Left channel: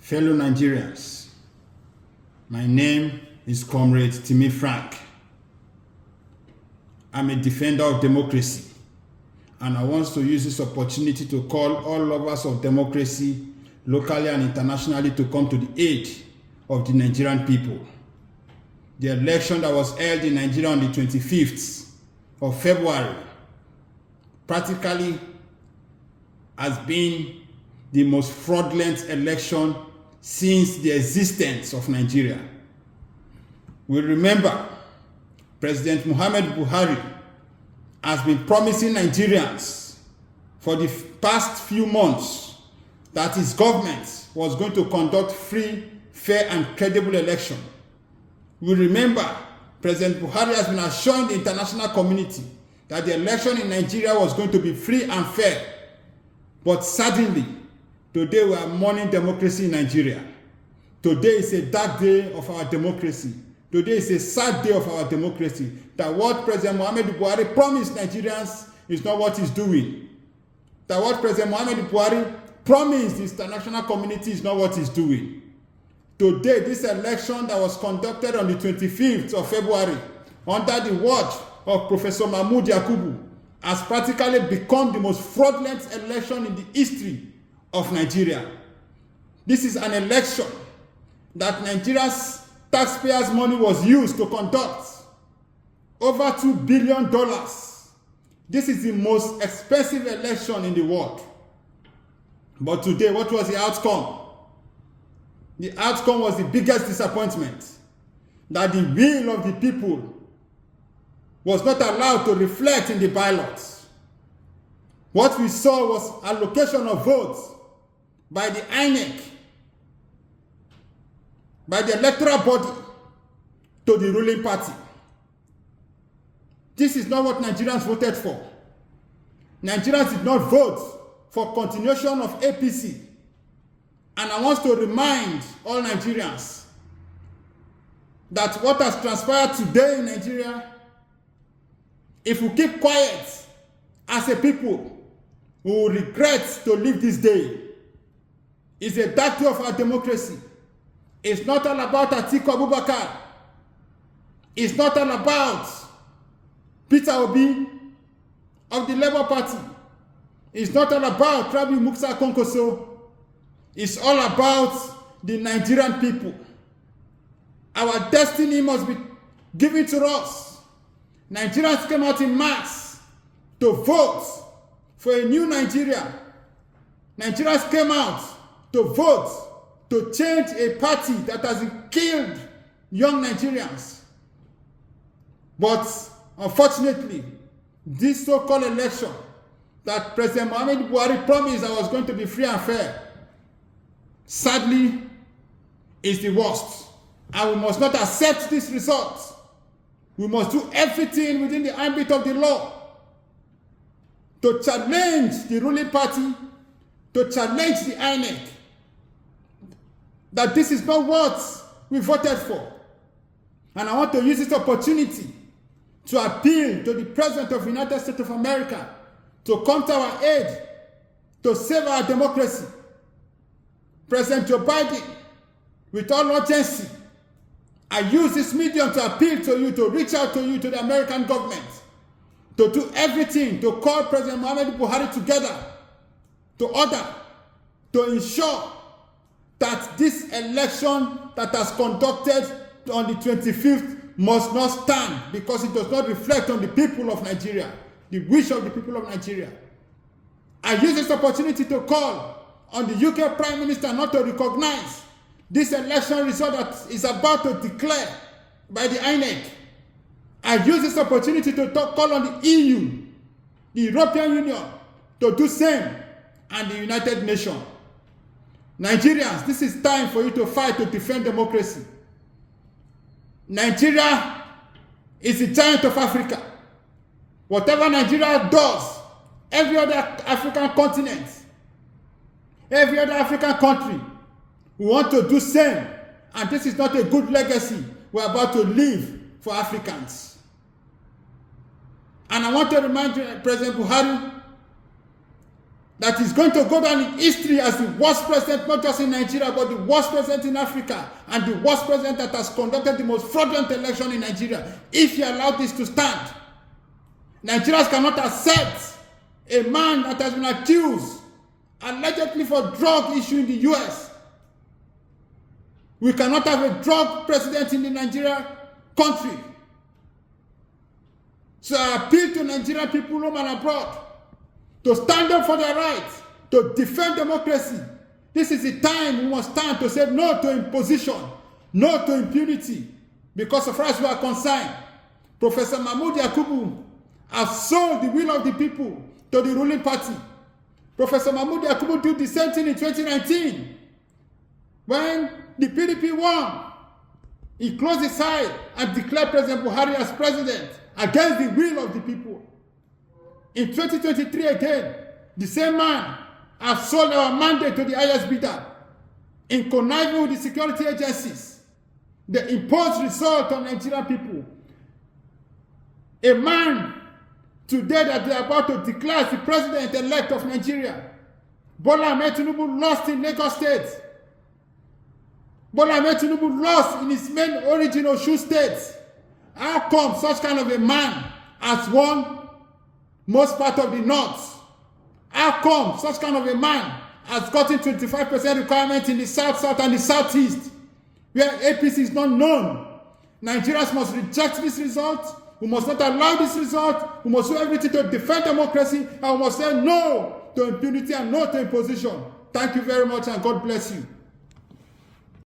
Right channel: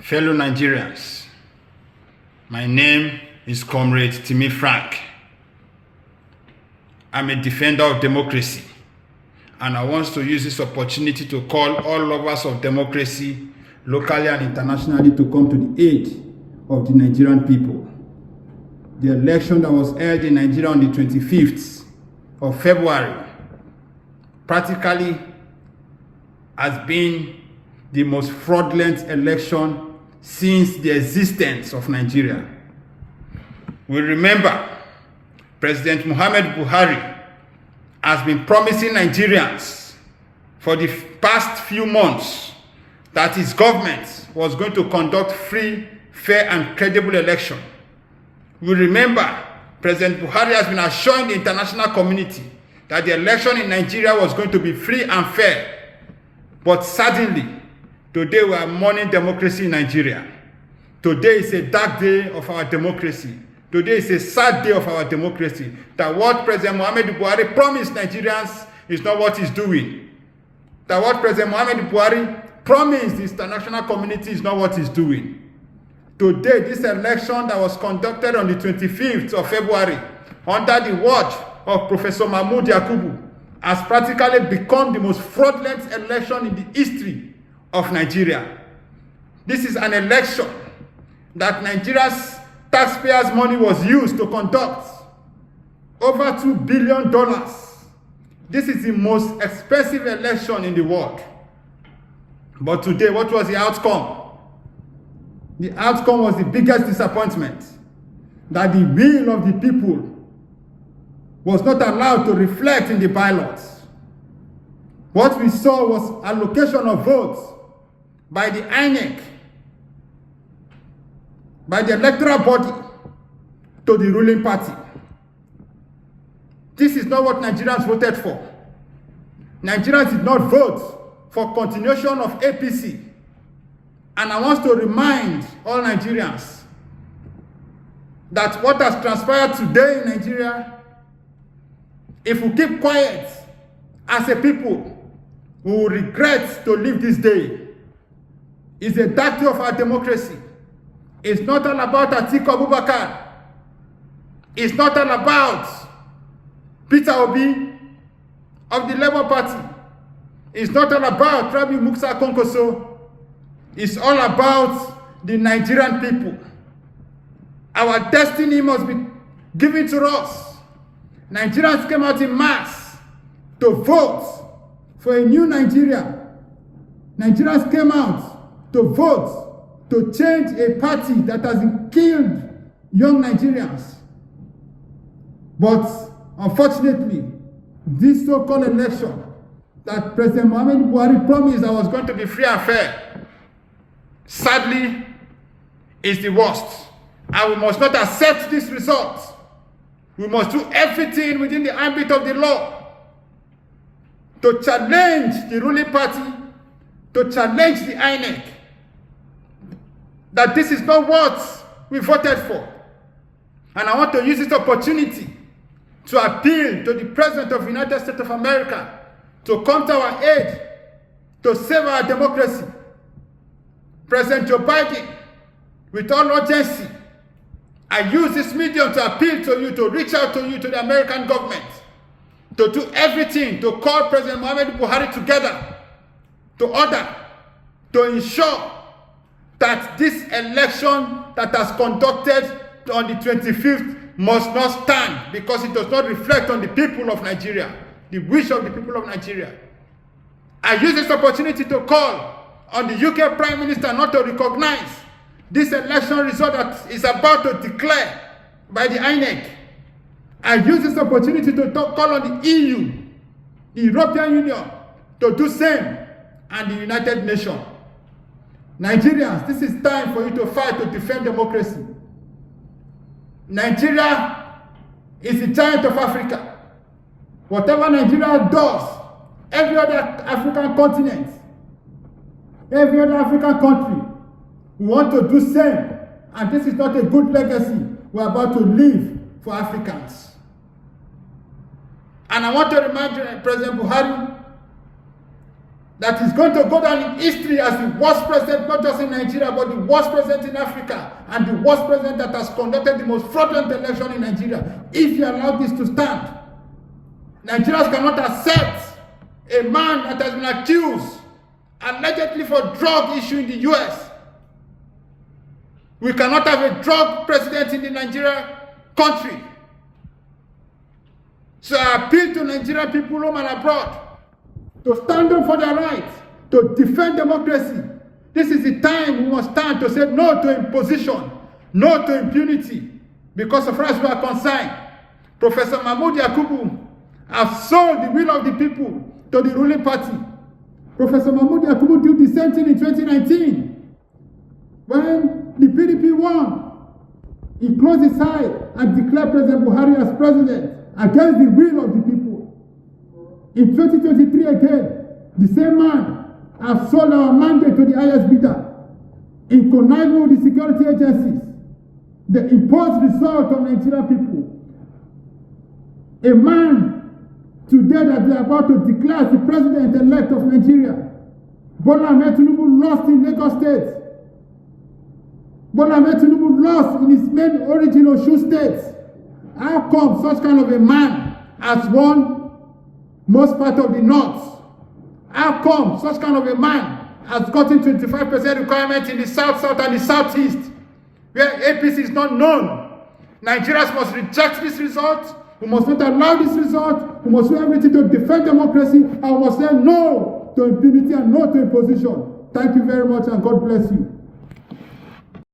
Fellow Nigerians, my name is Comrade Timi Frank. I'm a defender of democracy, and I want to use this opportunity to call all lovers of democracy, locally and internationally, to come to the aid of the Nigerian people. The election that was held in Nigeria on the 25th of February practically has been the most fraudulent election since the existence of Nigeria. We remember President Muhammad Buhari has been promising Nigerians for the past few months that his government was going to conduct free, fair, and credible election. We remember President Buhari has been assuring the international community that the election in Nigeria was going to be free and fair. But suddenly, today we are mourning democracy in Nigeria. Today is a dark day of our democracy. Today is a sad day of our democracy. That what President Muhammad Buhari promised Nigerians is not what he's doing. That what President Muhammad Buhari promised the international community is not what he's doing. Today, this election that was conducted on the 25th of February under the watch of Professor Mahmoud Yakubu has practically become the most fraudulent election in the history of Nigeria. This is an election that Nigeria's taxpayers' money was used to conduct. Over $2 billion. This is the most expensive election in the world. But today, what was the outcome? The outcome was the biggest disappointment, that the will of the people was not allowed to reflect in the ballots. What we saw was allocation of votes by the INEC, by the electoral body, to the ruling party. This is not what Nigerians voted for. Nigerians did not vote for continuation of APC. And I want to remind all Nigerians that what has transpired today in Nigeria, if we keep quiet as a people, we will regret to live this day. It's a dark day of our democracy. It's not all about Atiku Abubakar. It's not all about Peter Obi of the Labour Party. It's not all about Rabi Musa Konkoso. It's all about the Nigerian people. Our destiny must be given to us. Nigerians came out in mass to vote for a new Nigeria. Nigerians came out to vote to change a party that has killed young Nigerians. But unfortunately, this so-called election that President Muhammad Buhari promised that was going to be free and fair, sadly, is the worst. And we must not accept this result. We must do everything within the ambit of the law to challenge the ruling party, to challenge the INEC, that this is not what we voted for. And I want to use this opportunity to appeal to the President of the United States of America to come to our aid, to save our democracy. President Joe Biden, with all urgency, I use this medium to appeal to you, to reach out to you, to the American government, to do everything to call President Muhammad Buhari together, to order, to ensure that this election that has conducted on the 25th must not stand, because it does not reflect on the people of Nigeria, the wish of the people of Nigeria. I use this opportunity to call on the UK Prime Minister not to recognize this election result that is about to declare by the INEC. I use this opportunity to call on the EU, the European Union, to do same, and the United Nations. Nigerians, this is time for you to fight to defend democracy. Nigeria is the giant of Africa. Whatever Nigeria does, every other African continent, every other African country, we want to do same. And this is not a good legacy we're about to leave for Africans. And I want to remind you, President Buhari, that is going to go down in history as the worst president, not just in Nigeria, but the worst president in Africa, and the worst president that has conducted the most fraudulent election in Nigeria. If you allow this to stand, Nigerians cannot accept a man that has been accused allegedly for drug issue in the US. We cannot have a drug president in the Nigeria country. So I appeal to Nigerian people home and abroad to stand up for their rights, to defend democracy. This is the time we must stand to say no to imposition, no to impunity. Because as far as we are concerned, Professor Mahmoud Yakubu has sold the will of the people to the ruling party. Professor Mahmoud Yakubu did the same thing in 2019. When the PDP won, he closed his eye and declared President Buhari as president against the will of the people. In 2023 again, the same man has sold our mandate to the highest bidder in conniving with the security agencies. The imposed result on Nigerian people. A man today that they are about to declare as the president-elect of Nigeria, Bola Ahmed Tinubu, lost in Lagos State. Bola Ahmed Tinubu lost in his main origin Osun State. How come such kind of a man has won most part of the north? How come such kind of a man has gotten 25% requirement in the south and the southeast, where APC is not known? Nigerians must reject this result. We must not allow this result. We must do everything to defend democracy, and we must say no to impunity and no to imposition. Thank you very much, and God bless you.